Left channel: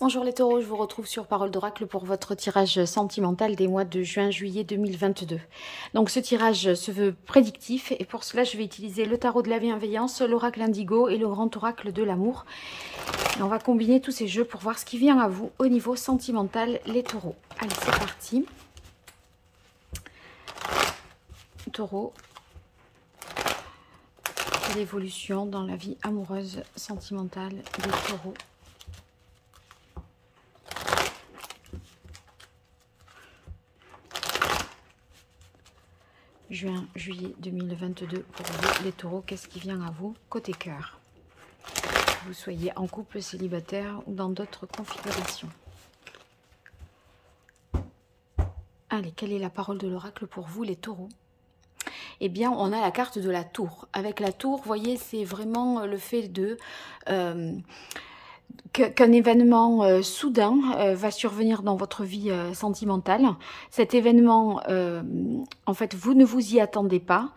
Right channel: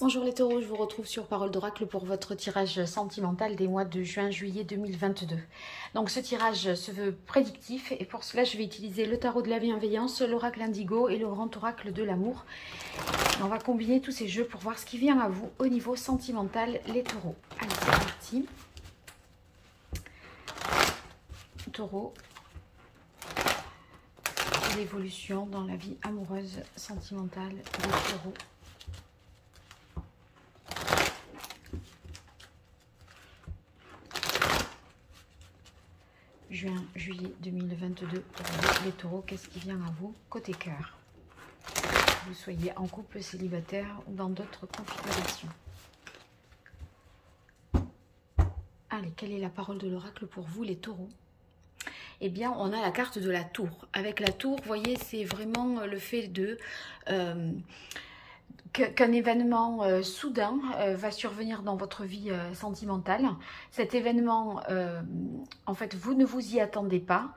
Bonjour les taureaux, je vous retrouve sur Parole d'Oracle pour votre tirage sentimental des mois de juin-juillet 2022. Donc ce tirage se veut prédictif et pour cela je vais utiliser le tarot de la bienveillance, l'oracle indigo et le grand oracle de l'amour. On va combiner tous ces jeux pour voir ce qui vient à vous au niveau sentimental les taureaux. Allez, c'est parti. Taureau, l'évolution dans la vie amoureuse sentimentale des taureaux. Juin, juillet 2022 pour vous, les taureaux, qu'est-ce qui vient à vous côté cœur? Vous soyez en couple, célibataire ou dans d'autres configurations. Allez, quelle est la parole de l'oracle pour vous, les taureaux? Eh bien, on a la carte de la tour. Avec la tour, vous voyez, c'est vraiment le fait de... qu'un événement soudain va survenir dans votre vie sentimentale. Cet événement, en fait, vous ne vous y attendez pas.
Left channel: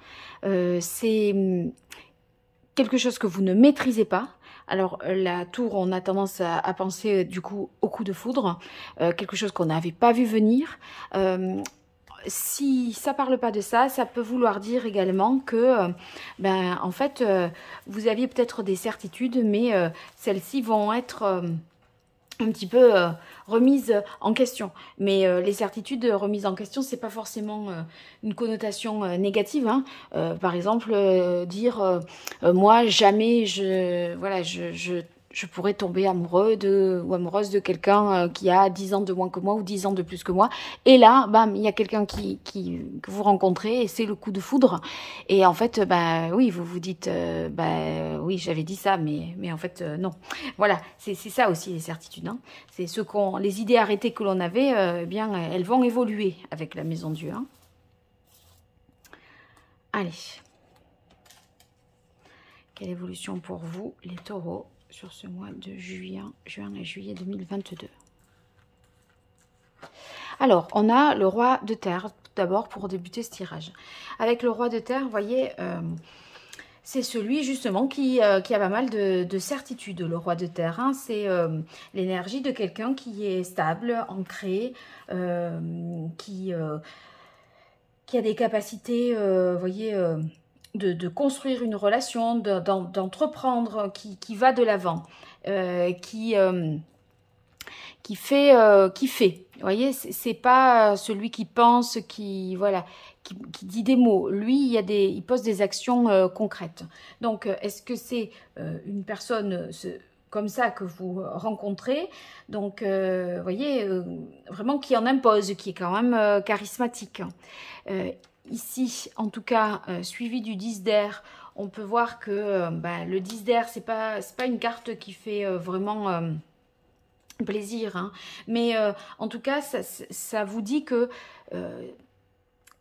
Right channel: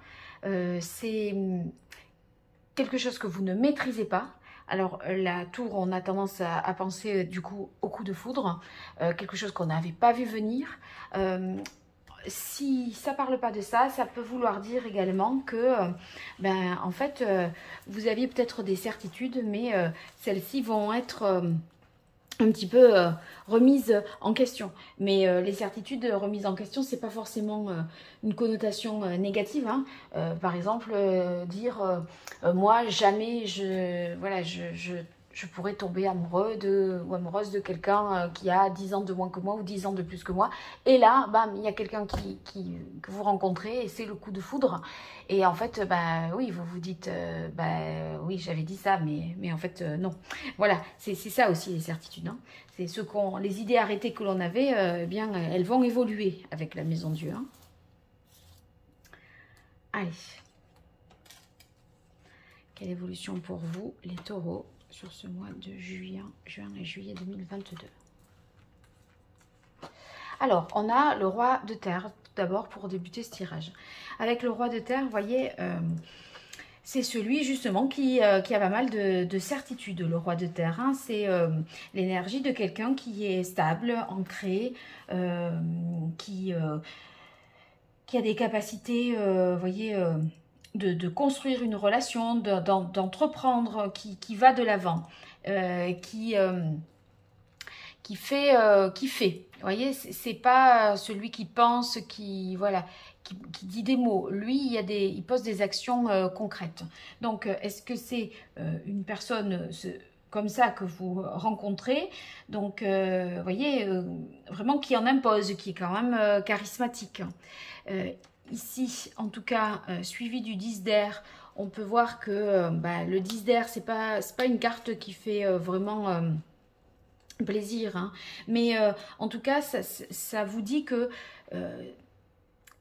C'est quelque chose que vous ne maîtrisez pas. Alors, la tour, on a tendance à penser du coup au coup de foudre, quelque chose qu'on n'avait pas vu venir. Si ça ne parle pas de ça, ça peut vouloir dire également que, en fait, vous aviez peut-être des certitudes, mais celles-ci vont être un petit peu remises en question. Mais les certitudes remises en question, c'est pas forcément une connotation négative. Hein. Par exemple, dire moi, jamais je pourrais tomber amoureux ou amoureuse de quelqu'un qui a 10 ans de moins que moi ou 10 ans de plus que moi. Et là, bam, il y a quelqu'un que vous rencontrez et c'est le coup de foudre. Et en fait, oui, vous vous dites, oui, j'avais dit ça, mais en fait, non. Voilà, c'est ça aussi les certitudes. Hein. C'est les idées arrêtées que l'on avait, elles vont évoluer avec la maison Dieu. Hein. Allez. Quelle évolution pour vous, les taureaux, sur ce mois de juin et juillet 2022. Alors, on a le roi de terre, tout d'abord, pour débuter ce tirage. Avec le roi de terre, vous voyez, c'est celui, justement, qui a pas mal de certitude, le roi de terre. Hein. C'est l'énergie de quelqu'un qui est stable, ancré, qui a des capacités, vous voyez... De construire une relation, d'entreprendre, qui va de l'avant, qui fait. Vous voyez, c'est pas celui qui pense, qui dit des mots. Lui, il pose des actions concrètes. Donc, est-ce que c'est une personne comme ça que vous rencontrez? Donc, vous voyez, vraiment qui en impose, qui est quand même charismatique. Ici, en tout cas, suivi du 10 d'air, on peut voir que le 10 d'air, c'est pas une carte qui fait vraiment plaisir. Hein. Mais en tout cas, ça vous dit que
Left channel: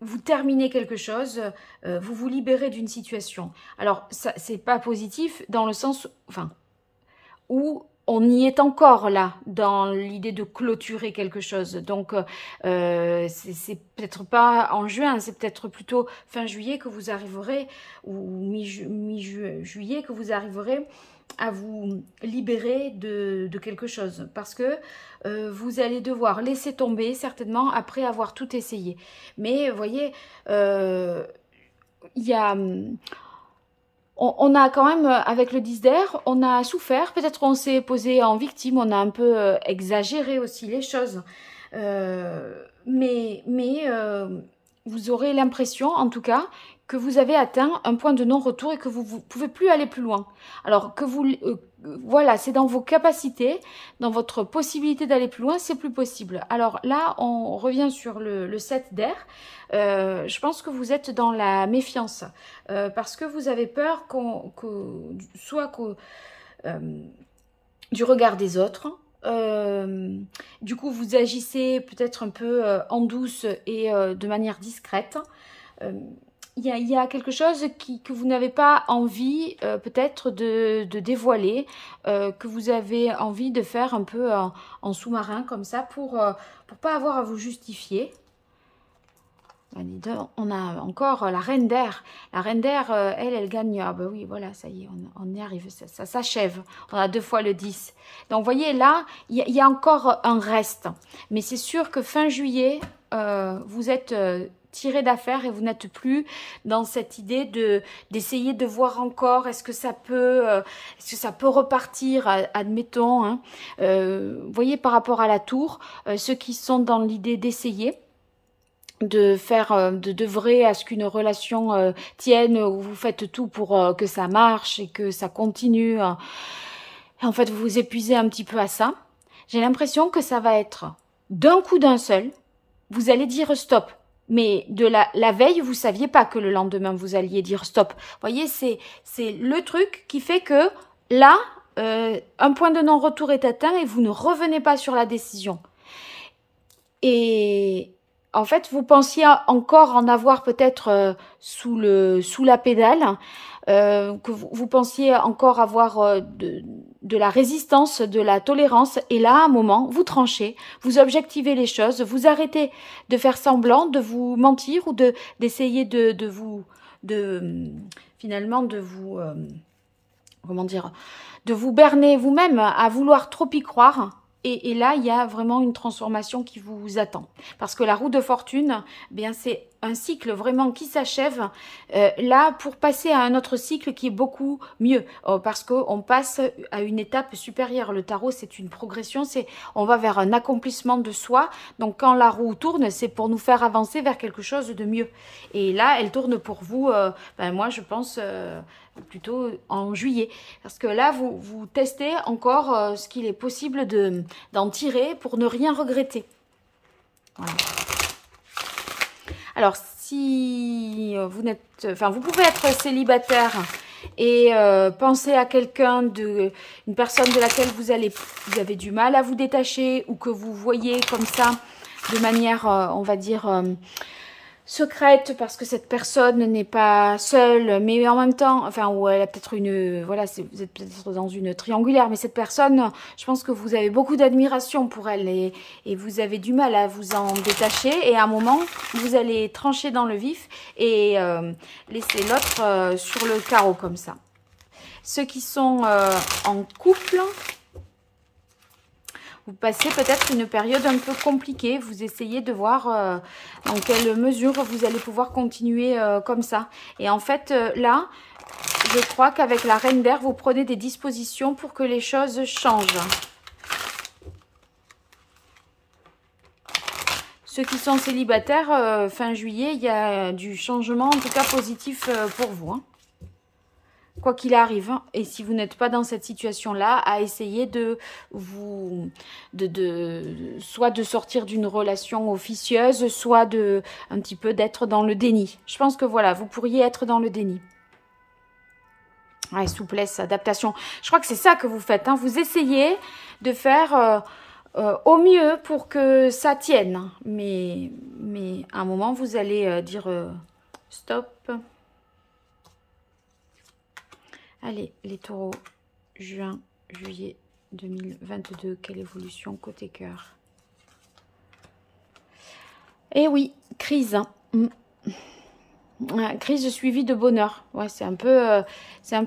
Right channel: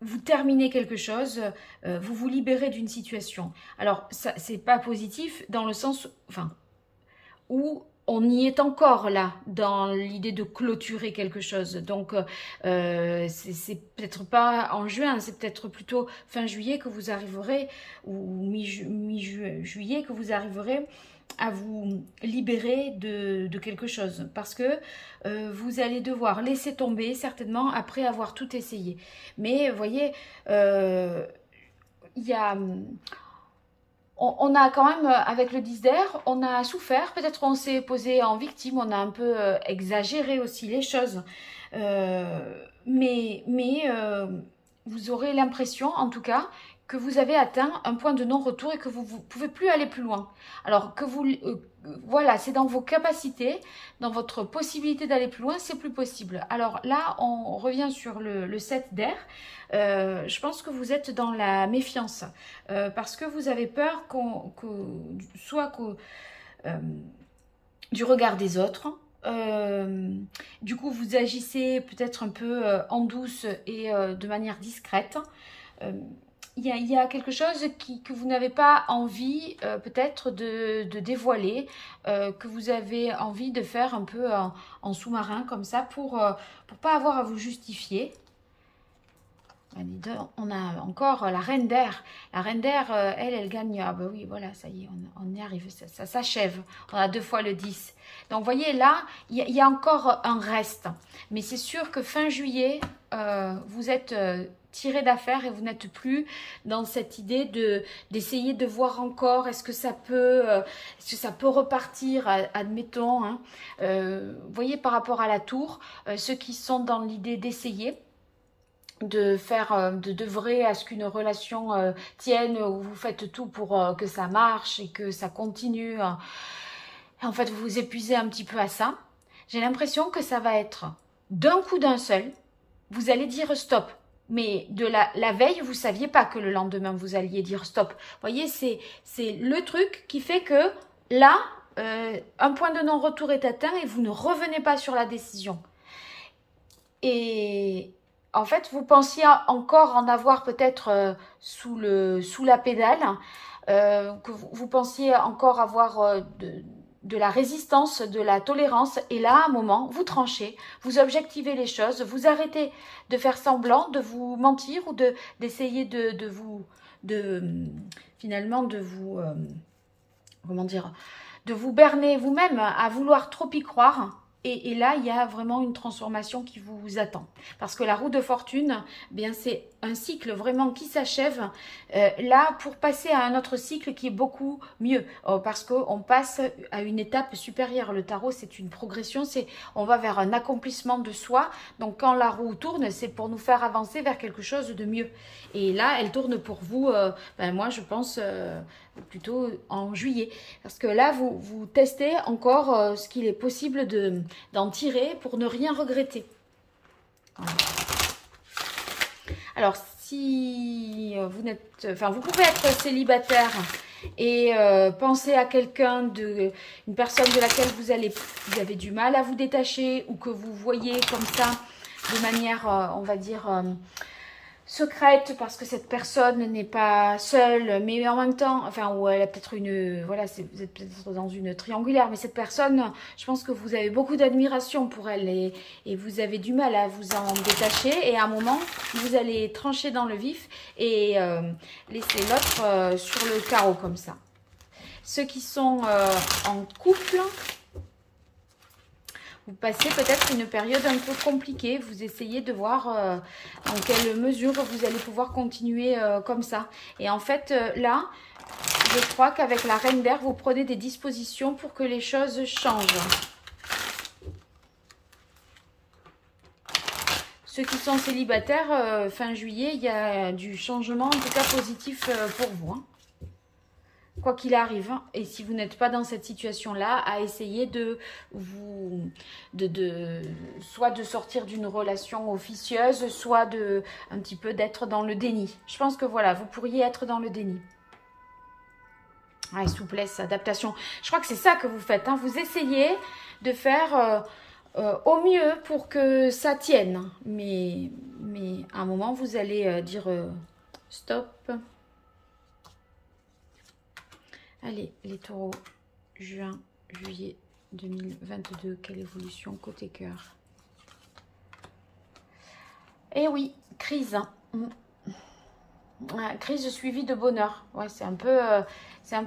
vous terminez quelque chose, vous vous libérez d'une situation. Alors, c'est pas positif dans le sens où on y est encore là, dans l'idée de clôturer quelque chose. Donc, c'est peut-être pas en juin, c'est peut-être plutôt fin juillet que vous arriverez, ou mi-juillet que vous arriverez à vous libérer de quelque chose. Parce que vous allez devoir laisser tomber, certainement, après avoir tout essayé. Mais, vous voyez, il y a... On a quand même, avec le 10 d'air, on a souffert. Peut-être qu'on s'est posé en victime, on a un peu exagéré aussi les choses. Mais vous aurez l'impression, en tout cas, que vous avez atteint un point de non-retour et que vous ne pouvez plus aller plus loin. Alors que voilà, c'est dans vos capacités, dans votre possibilité d'aller plus loin, c'est plus possible. Alors là, on revient sur le 7 d'air. Je pense que vous êtes dans la méfiance parce que vous avez peur du regard des autres. Du coup, vous agissez peut-être un peu en douce et de manière discrète. Il y a quelque chose que vous n'avez pas envie peut-être de dévoiler, que vous avez envie de faire un peu en sous-marin comme ça pour pas avoir à vous justifier. On a encore la reine d'air. La reine d'air, elle gagne. Ah bah oui, voilà, ça y est, on y arrive. Ça s'achève. On a 2 fois le 10. Donc, vous voyez, là, il y a encore un reste. Mais c'est sûr que fin juillet, vous êtes tiré d'affaire et vous n'êtes plus dans cette idée d'essayer de voir encore, est-ce que ça peut repartir, admettons. Hein. Vous voyez, par rapport à la tour, ceux qui sont dans l'idée d'essayer, d'œuvrer à ce qu'une relation tienne, où vous faites tout pour que ça marche et que ça continue. Et en fait, vous vous épuisez un petit peu à ça. J'ai l'impression que ça va être d'un coup d'un seul. Vous allez dire stop. Mais de la veille, vous ne saviez pas que le lendemain, vous alliez dire stop. Vous voyez, c'est le truc qui fait que là, un point de non-retour est atteint et vous ne revenez pas sur la décision. Et en fait, vous pensiez encore en avoir peut-être sous la pédale, que vous pensiez encore avoir de la résistance, de la tolérance. Et là, à un moment, vous tranchez, vous objectivez les choses, vous arrêtez de faire semblant, de vous mentir ou d'essayer finalement de vous, comment dire, de vous berner vous-même à vouloir trop y croire. Et là, il y a vraiment une transformation qui vous attend. Parce que la roue de fortune, eh bien c'est un cycle vraiment qui s'achève. Là, pour passer à un autre cycle qui est beaucoup mieux. Parce qu'on passe à une étape supérieure. Le tarot, c'est une progression. On va vers un accomplissement de soi. Donc, quand la roue tourne, c'est pour nous faire avancer vers quelque chose de mieux. Et là, elle tourne pour vous, moi, je pense... plutôt en juillet, parce que là vous testez encore ce qu'il est possible d'en tirer pour ne rien regretter. Voilà. Alors si vous n'êtes, enfin vous pouvez être célibataire et penser à quelqu'un, une personne de laquelle vous avez du mal à vous détacher, ou que vous voyez comme ça de manière, on va dire, secrète, parce que cette personne n'est pas seule, mais en même temps, enfin, ou elle a peut-être voilà, vous êtes peut-être dans une triangulaire, mais cette personne, je pense que vous avez beaucoup d'admiration pour elle et vous avez du mal à vous en détacher, et à un moment, vous allez trancher dans le vif et laisser l'autre sur le carreau comme ça. Ceux qui sont en couple, vous passez peut-être une période un peu compliquée. Vous essayez de voir dans quelle mesure vous allez pouvoir continuer comme ça. Et en fait, là, je crois qu'avec la Reine d'air, vous prenez des dispositions pour que les choses changent. Ceux qui sont célibataires, fin juillet, il y a du changement, en tout cas positif pour vous. Hein. Quoi qu'il arrive, hein. Et si vous n'êtes pas dans cette situation-là, à essayer soit de sortir d'une relation officieuse, soit un petit peu d'être dans le déni. Je pense que voilà, vous pourriez être dans le déni. Ouais, souplesse, adaptation. Je crois que c'est ça que vous faites. Hein. Vous essayez de faire au mieux pour que ça tienne. Mais à un moment, vous allez dire stop. Allez, les taureaux, juin, juillet 2022, quelle évolution côté cœur? Eh oui, crise. Crise suivie de bonheur. Ouais, c'est un peu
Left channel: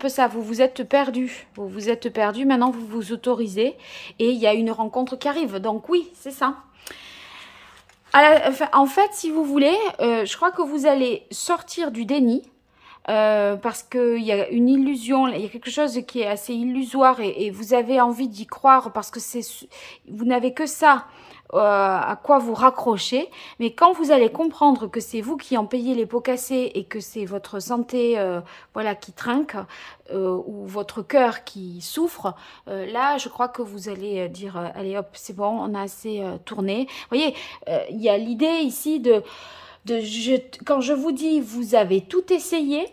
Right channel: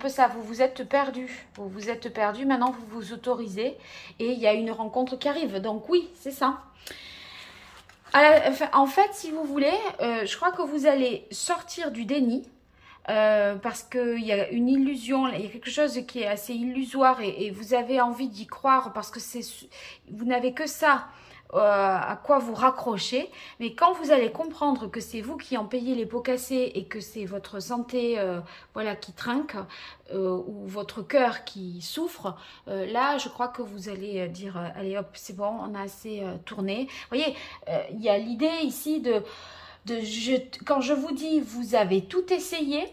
ça. Vous vous êtes perdu. Vous vous êtes perdu. Maintenant, vous vous autorisez. Et il y a une rencontre qui arrive. Donc oui, c'est ça. En fait, si vous voulez, je crois que vous allez sortir du déni. Parce qu'il y a une illusion, il y a quelque chose qui est assez illusoire et vous avez envie d'y croire parce que vous n'avez que ça à quoi vous raccrocher. Mais quand vous allez comprendre que c'est vous qui en payez les pots cassés et que c'est votre santé voilà, qui trinque ou votre cœur qui souffre, là je crois que vous allez dire allez hop, c'est bon, on a assez tourné. Vous voyez, il y a l'idée ici quand je vous dis vous avez tout essayé,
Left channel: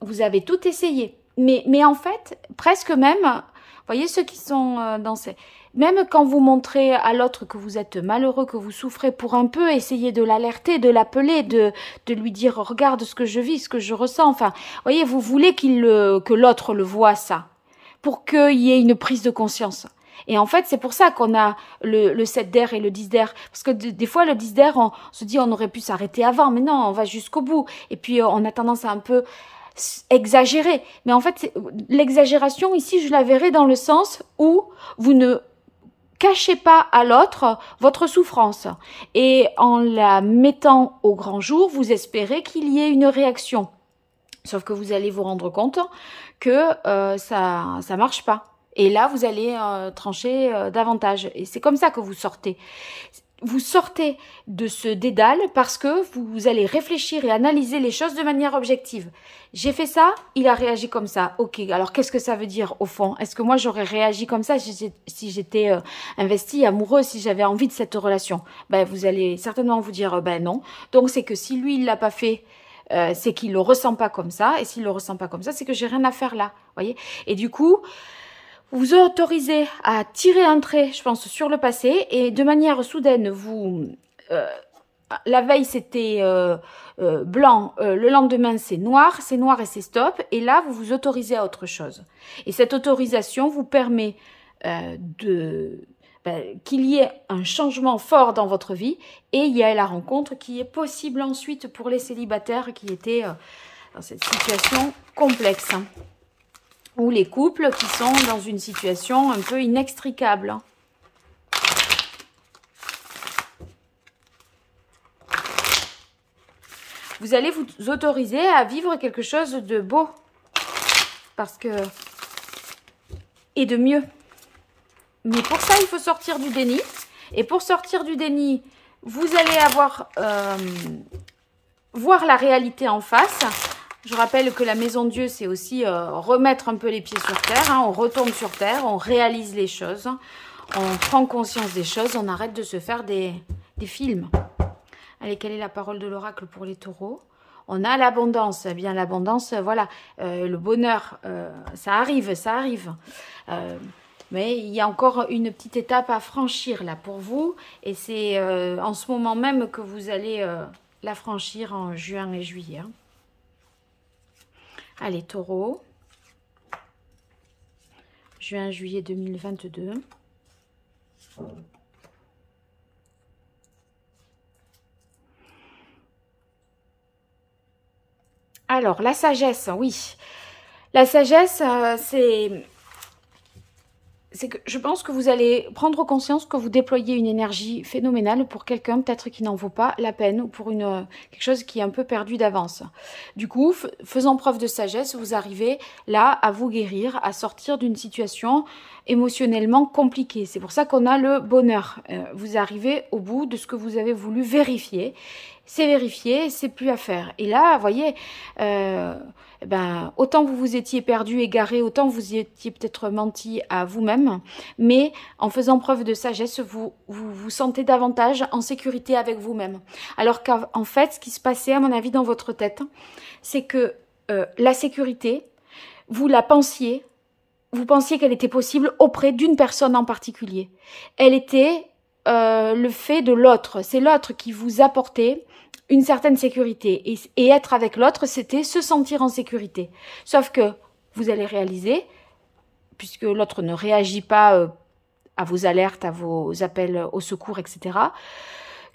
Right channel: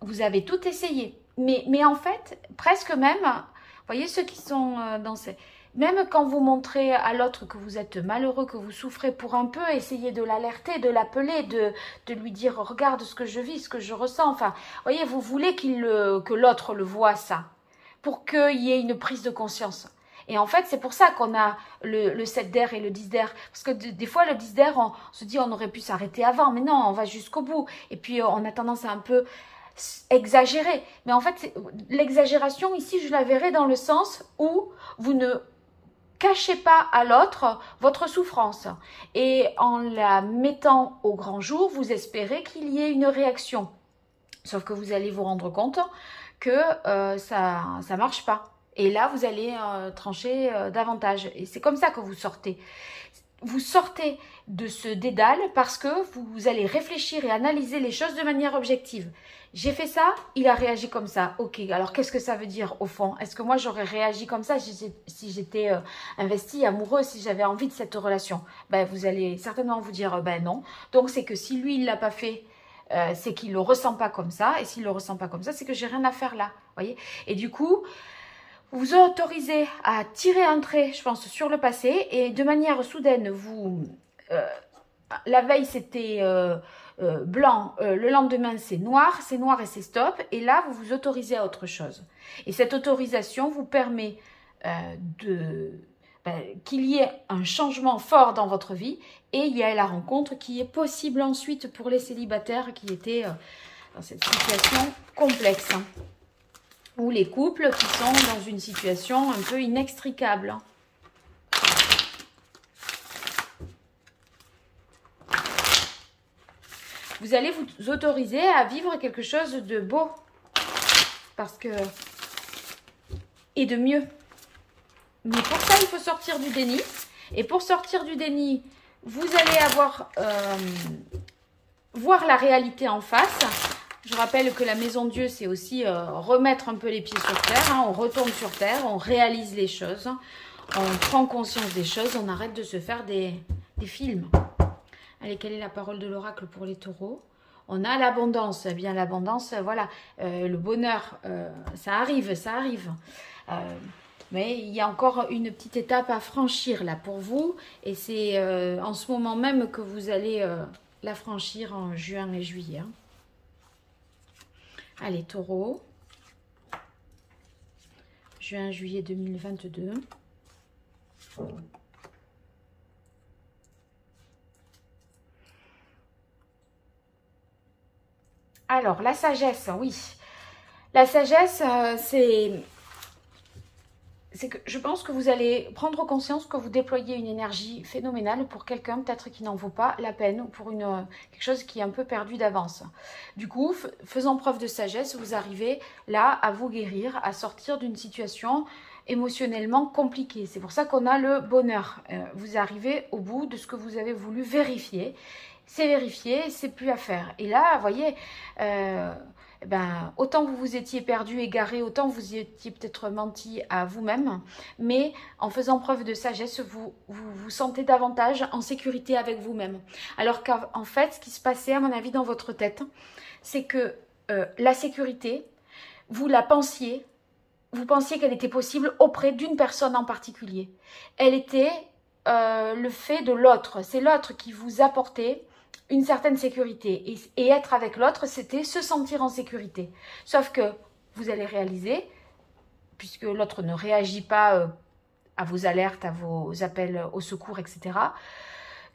vous avez tout essayé. Mais en fait, presque même, vous voyez ceux qui sont dans ces... Même quand vous montrez à l'autre que vous êtes malheureux, que vous souffrez, pour un peu essayer de l'alerter, de l'appeler, de lui dire « Regarde ce que je vis, ce que je ressens ». Enfin, vous voyez, vous voulez que l'autre le voie ça, pour qu'il y ait une prise de conscience. Et en fait, c'est pour ça qu'on a le 7 d'air et le 10 d'air. Parce que des fois, le 10 d'air, on se dit on aurait pu s'arrêter avant. Mais non, on va jusqu'au bout. Et puis, on a tendance à un peu exagérer. Mais en fait, l'exagération, ici, je la verrai dans le sens où vous ne cachez pas à l'autre votre souffrance. Et en la mettant au grand jour, vous espérez qu'il y ait une réaction. Sauf que vous allez vous rendre compte que ça ne marche pas. Et là, vous allez trancher davantage. Et c'est comme ça que vous sortez. Vous sortez de ce dédale parce que vous allez réfléchir et analyser les choses de manière objective. J'ai fait ça, il a réagi comme ça. Ok, alors qu'est-ce que ça veut dire au fond? Est-ce que moi j'aurais réagi comme ça si j'étais investie, amoureuse, si j'avais envie de cette relation? Ben, vous allez certainement vous dire ben non. Donc c'est que si lui il ne l'a pas fait, c'est qu'il ne le ressent pas comme ça. Et s'il ne le ressent pas comme ça, c'est que j'ai rien à faire là. Voyez. Et du coup, vous vous autorisez à tirer un trait, je pense, sur le passé. Et de manière soudaine, la veille, c'était blanc. Le lendemain, c'est noir et c'est stop. Et là, vous vous autorisez à autre chose. Et cette autorisation vous permet qu'il y ait un changement fort dans votre vie. Et il y a la rencontre qui est possible ensuite pour les célibataires qui étaient dans cette situation complexe. Ou les couples qui sont dans une situation un peu inextricable. Vous allez vous autoriser à vivre quelque chose de beau. Et de mieux. Mais pour ça, il faut sortir du déni. Et pour sortir du déni, vous allez voir la réalité en face. Je rappelle que la maison Dieu, c'est aussi remettre un peu les pieds sur terre. Hein. On retombe sur terre, on réalise les choses. On prend conscience des choses, on arrête de se faire des films. Allez, quelle est la parole de l'oracle pour les taureaux? On a l'abondance. Eh bien, l'abondance, voilà. Le bonheur, ça arrive, ça arrive. Mais il y a encore une petite étape à franchir là pour vous. Et c'est en ce moment même que vous allez la franchir en juin et juillet. Hein. Allez, taureau. Juin, juillet 2022. Alors, la sagesse, oui. La sagesse, c'est que je pense que vous allez prendre conscience que vous déployez une énergie phénoménale pour quelqu'un peut-être qui n'en vaut pas la peine ou pour quelque chose qui est un peu perdu d'avance. Du coup, faisant preuve de sagesse, vous arrivez là à vous guérir, à sortir d'une situation émotionnellement compliquée. C'est pour ça qu'on a le bonheur. Vous arrivez au bout de ce que vous avez voulu vérifier. C'est vérifié, c'est plus à faire. Et là, vous voyez... autant vous vous étiez perdu, égaré, autant vous étiez peut-être menti à vous-même, mais en faisant preuve de sagesse, vous vous sentez davantage en sécurité avec vous-même. Alors qu'en fait, ce qui se passait, à mon avis, dans votre tête, c'est que la sécurité, vous pensiez qu'elle était possible auprès d'une personne en particulier. Elle était le fait de l'autre. C'est l'autre qui vous apportait une certaine sécurité. Et être avec l'autre, c'était se sentir en sécurité. Sauf que vous allez réaliser, puisque l'autre ne réagit pas à vos alertes, à vos appels au secours, etc.,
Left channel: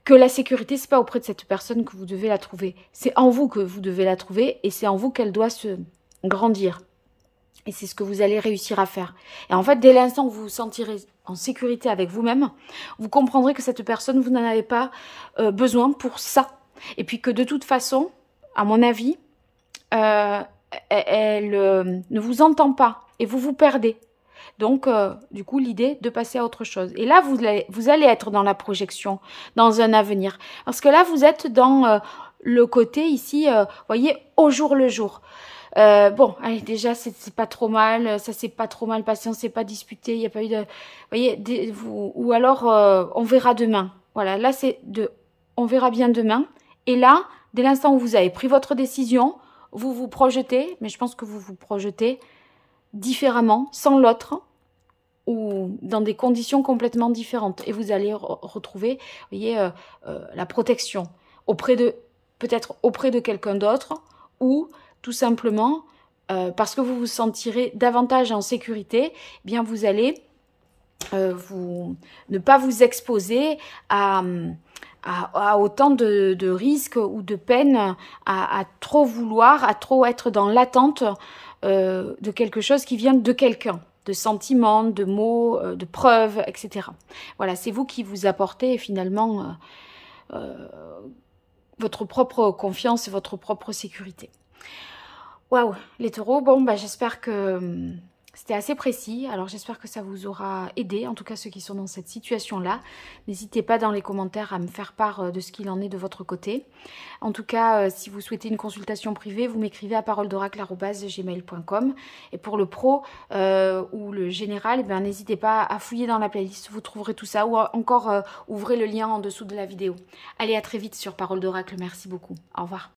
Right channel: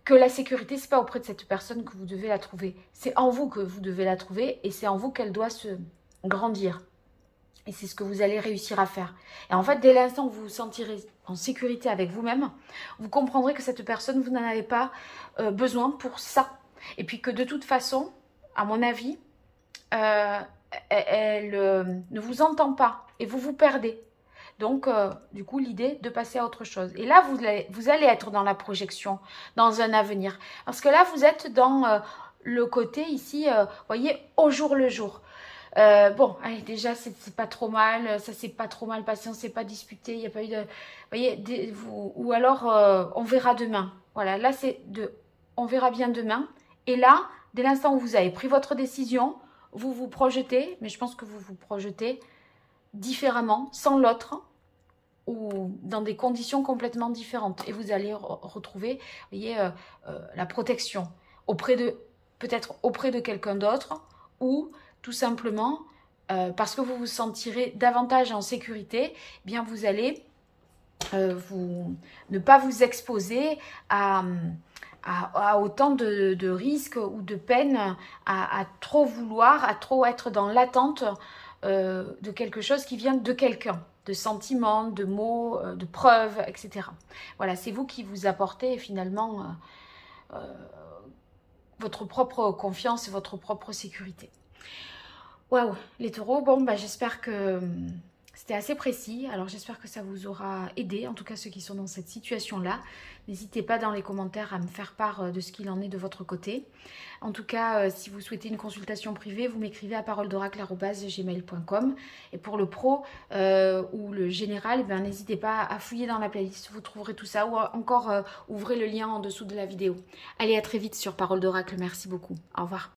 que la sécurité, ce n'est pas auprès de cette personne que vous devez la trouver. C'est en vous que vous devez la trouver et c'est en vous qu'elle doit se grandir. Et c'est ce que vous allez réussir à faire. Et en fait, dès l'instant où vous vous sentirez en sécurité avec vous-même, vous comprendrez que cette personne, vous n'en avez pas besoin pour ça. Et puis que de toute façon, à mon avis, elle ne vous entend pas et vous vous perdez. Donc, du coup, l'idée de passer à autre chose. Et là, vous allez être dans la projection, dans un avenir. Parce que là, vous êtes dans le côté ici, voyez, au jour le jour. Bon, allez, déjà, c'est pas trop mal, ça s'est pas trop mal passé, on s'est pas disputé, il n'y a pas eu de... Voyez, ou alors, on verra demain. Voilà, là, c'est on verra bien demain. Et là, dès l'instant où vous avez pris votre décision, vous vous projetez, mais je pense que vous vous projetez différemment, sans l'autre, ou dans des conditions complètement différentes. Et vous allez retrouver, vous voyez, la protection peut-être auprès de quelqu'un d'autre, ou tout simplement parce que vous vous sentirez davantage en sécurité, eh bien vous allez ne pas vous exposer à autant de risques ou de peines, à trop vouloir, à trop être dans l'attente de quelque chose qui vient de quelqu'un, de sentiments, de mots, de preuves, etc. Voilà, c'est vous qui vous apportez finalement votre propre confiance, votre propre sécurité. Waouh, les taureaux, bon, bah, j'espère que c'était assez précis. Alors, j'espère que ça vous aura aidé, en tout cas ceux qui sont dans cette situation-là. N'hésitez pas dans les commentaires à me faire part de ce qu'il en est de votre côté. En tout cas, si vous souhaitez une consultation privée, vous m'écrivez à paroledoracle@gmail.com. Et pour le pro ou le général, eh n'hésitez pas à fouiller dans la playlist. Vous trouverez tout ça. Ou encore, ouvrez le lien en dessous de la vidéo. Allez, à très vite sur Parole d'Oracle. Merci beaucoup. Au revoir.